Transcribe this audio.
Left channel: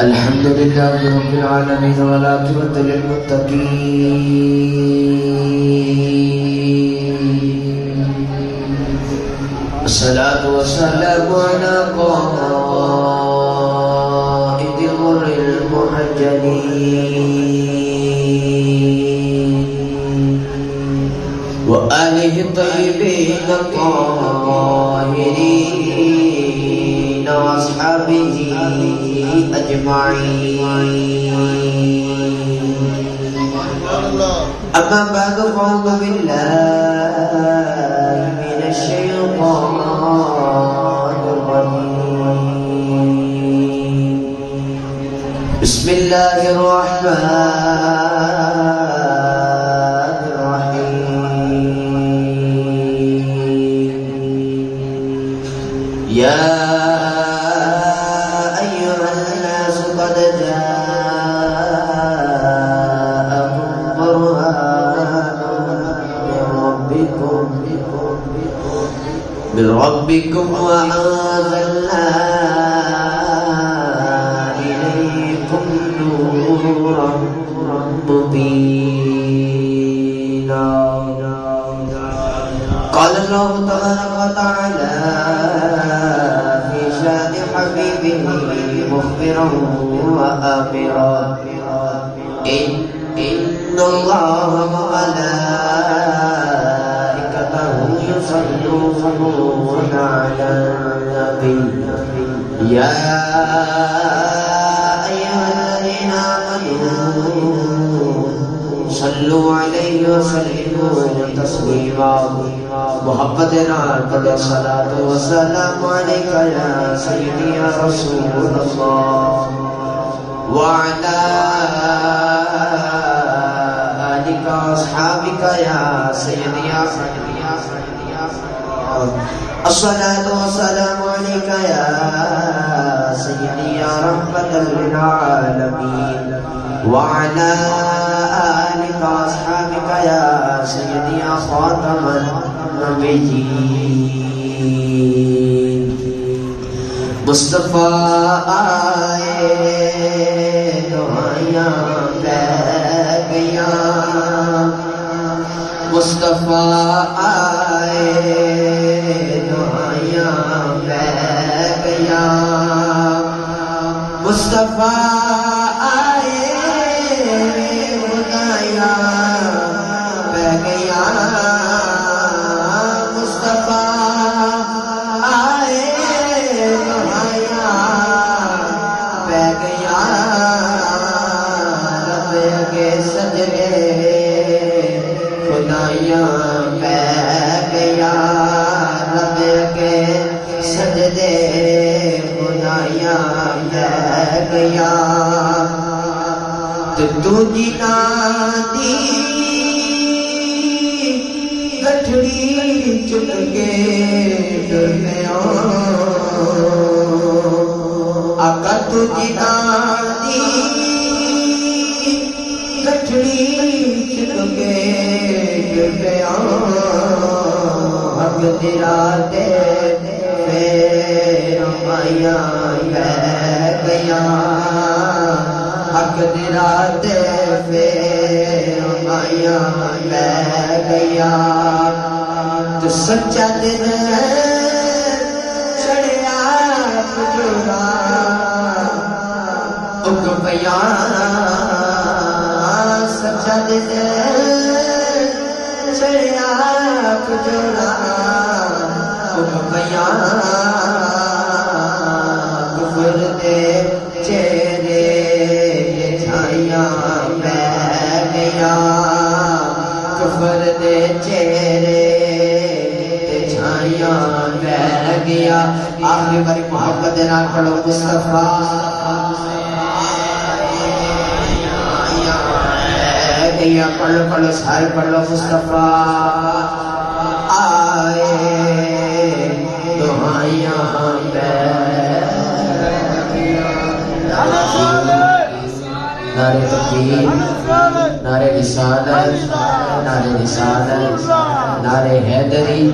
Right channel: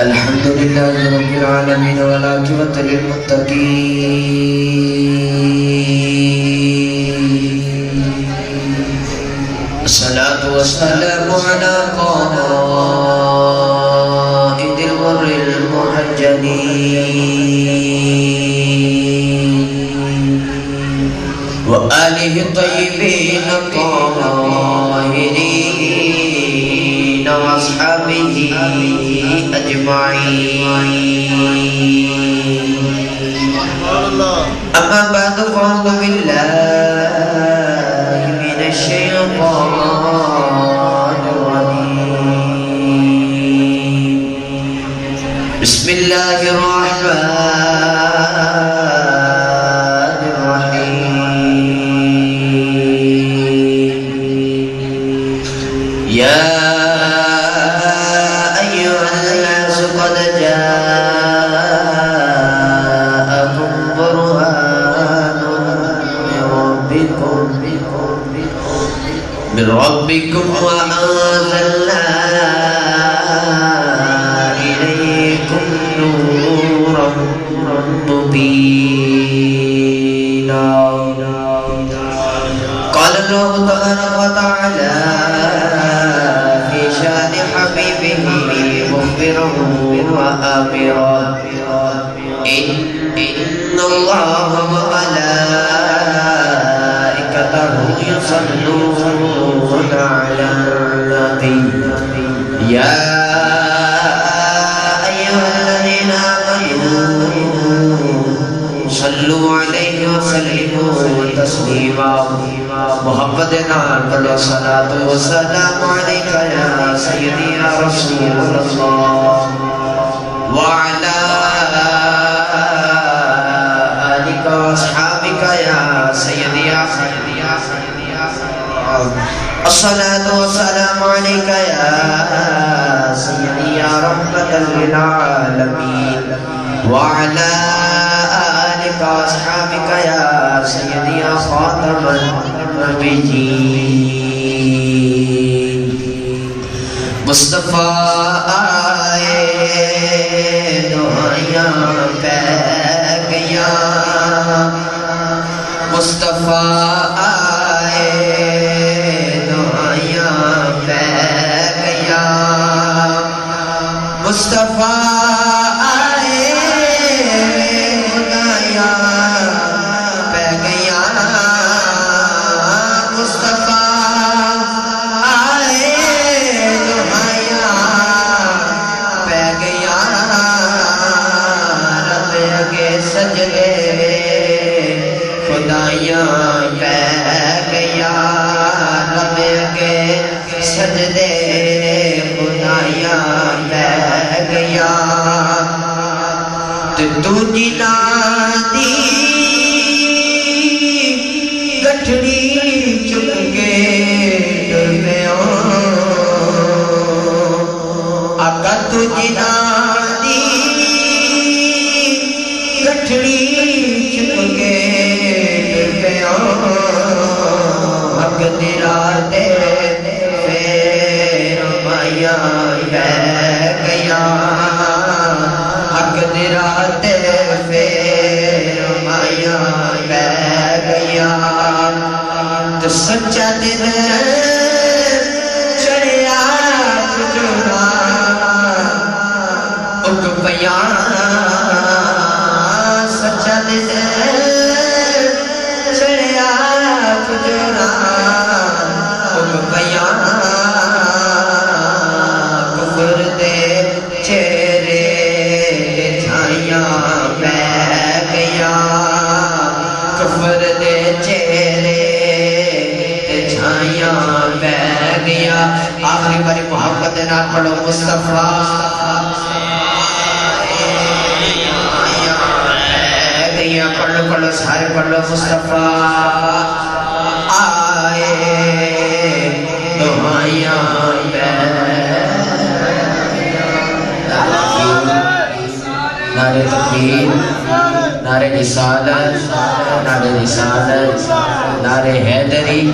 الحمد لله رب العالمين والعاقبة للمتقين الصلاة والسلام على قائد الغر المحجلين وآله الطيبين الطاهرين وأصحابه أجمعين أما بعد فأعوذ بالله من الشيطان الرجيم بسم الله الرحمن الرحيم يا من ربكم وأنزلنا إليكم نورا مبينا قال الله تبارك وتعالى في شأن حبيبه مخبرا وآمرا إن الله وملائكته يصلون على النبي يا أيها الذين آمنوا صلوا عليه وسلموا تسليما محمدنا قد الصلاة والسلام عليك يا سيدي يا رسول الله وعلى آلك وأصحابك يا سيدي يا سيدي يا سيدي الصلاة والسلام عليك يا سيدي يا رحمة للعالمين وعلى آلك وأصحابك يا سيدي يا خاتم النبيين مصطفى آئے دعائیاں پہ گیا مصطفى آئے مصطفیٰ آئے خدایا پہ گیا مصطفیٰ آئے خدایا پہ گیا رب کے سجدے خدایا پہ گیا رب کے سجدے خدایا گیا تو جنا دی گٹھڑی چک کے ڈریا آقا تو جنا دی گٹھڑی چک کے ڈریا حق تیرا دے مایا گیا حق تیرا تے پھر مایا بہ گیا تو سچا دل چڑھیا کھجورا اگ پیا سچا دل چڑھیا کھجورا اگ پیا کفر دے چہرے چھائیاں بہ گیا آخری باری محمد نہ پڑھو مصطفیٰ بہ گیا پڑھو سارے پڑھو مصطفیٰ آئے دعائیاں بہ نعرہ تکبیر نعرہ رسالت نعرہ حیدری